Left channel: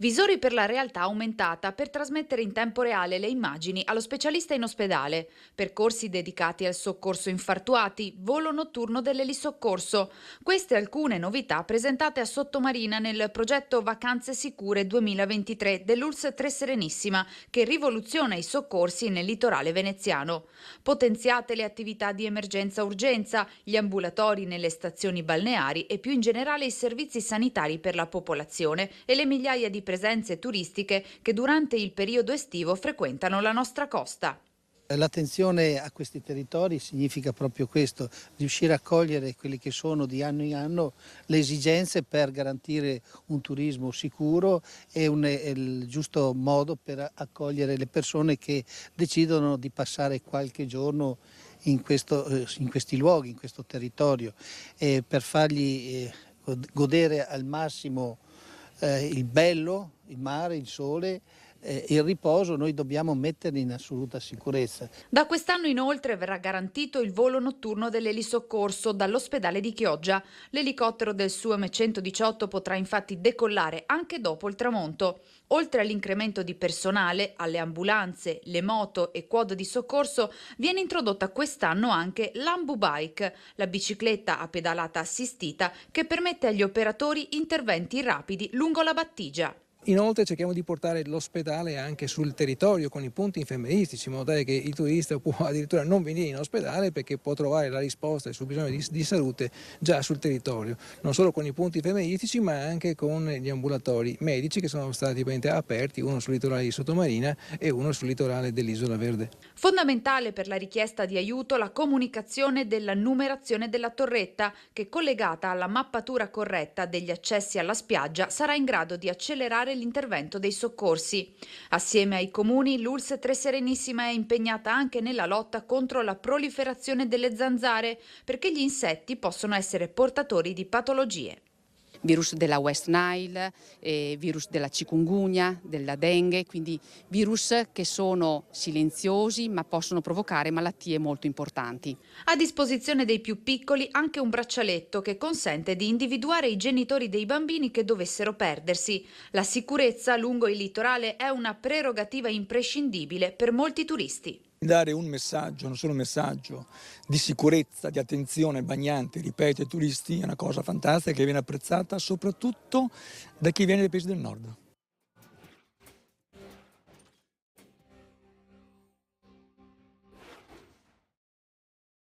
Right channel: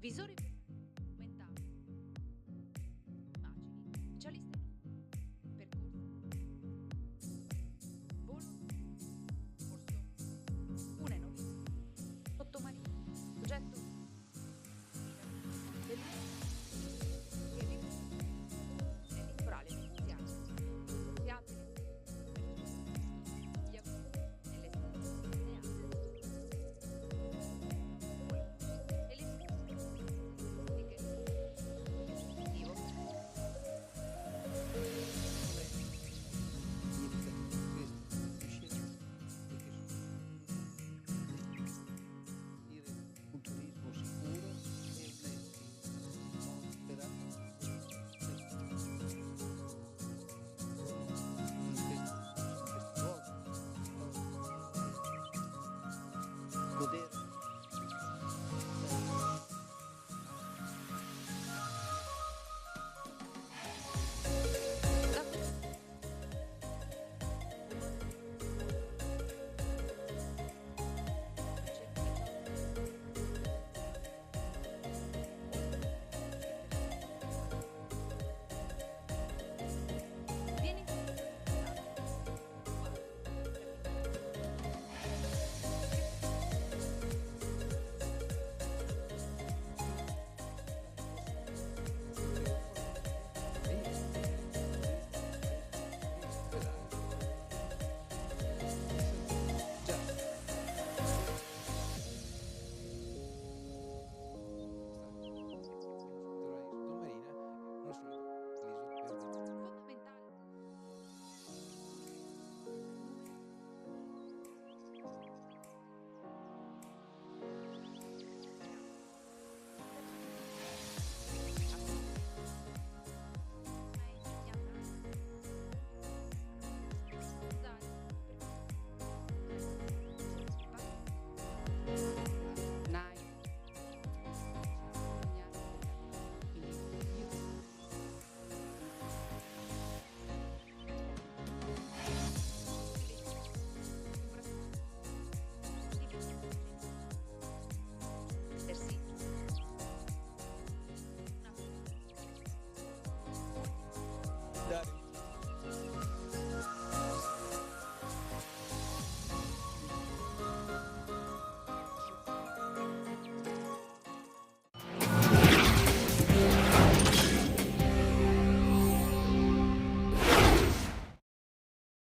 Visori per la realtà aumentata per trasmettere in tempo reale le immagini allo specialista in ospedale, percorsi dedicati al soccorso infartuati, volo notturno dell'elisoccorso. Queste alcune novità presentate a Sottomarina nel progetto Vacanze Sicure 2023 dell'ULSS Tre Serenissima, che rivoluziona i soccorsi nel litorale veneziano. Potenziate le attività di emergenza-urgenza, gli ambulatori nelle stazioni balneari e più in generale i servizi sanitari per la popolazione e le migliaia di presenze turistiche che durante il periodo estivo frequentano la nostra costa. L'attenzione a questi territori significa proprio questo, riuscire a cogliere quelle che sono di anno in anno le esigenze per garantire un turismo sicuro e il giusto modo per accogliere le persone che decidono di passare qualche giorno in questi luoghi, in questo territorio, per fargli godere al massimo il bello, il mare, il sole, il riposo. Noi dobbiamo metterli in assoluta sicurezza. Da quest'anno inoltre verrà garantito il volo notturno dell'elisoccorso dall'ospedale di Chioggia. L'elicottero del SUAM 118 potrà infatti decollare anche dopo il tramonto. Oltre all'incremento di personale, alle ambulanze, le moto e quad di soccorso, viene introdotta quest'anno anche l'Ambu Bike, la bicicletta a pedalata assistita che permette agli operatori interventi rapidi lungo la battigia. Inoltre cerchiamo di portare l'ospedale anche sul territorio con i punti infermieristici, in modo tale che il turista può addirittura non venire in ospedale perché può trovare la risposta ai suoi bisogni di salute già sul territorio, non solo con i punti infermieristici ma anche con gli ambulatori medici che sono stati aperti, uno sul litorale di Sottomarina e uno sul litorale dell'Isola Verde. Fondamentale per la richiesta di aiuto la comunicazione della numerazione della torretta che, collegata alla mappatura corretta degli accessi alla spiaggia, sarà in grado di accelerare l'intervento dei soccorsi. Assieme ai comuni, l'ULSS Tre Serenissima è impegnata anche nella lotta contro la proliferazione delle zanzare, perché gli insetti possono essere portatori di patologie. Virus della West Nile, virus della chikungunya, della dengue, quindi virus che sono silenziosi ma possono provocare malattie molto importanti. A disposizione dei più piccoli anche un braccialetto che consente di individuare i genitori dei bambini che dovessero perdersi. La sicurezza lungo il litorale è una prerogativa imprescindibile per molti turisti. Dare un messaggio, non solo un messaggio di sicurezza, di attenzione bagnanti, ripeto, ai turisti è una cosa fantastica che viene apprezzata soprattutto da chi viene dai paesi del nord.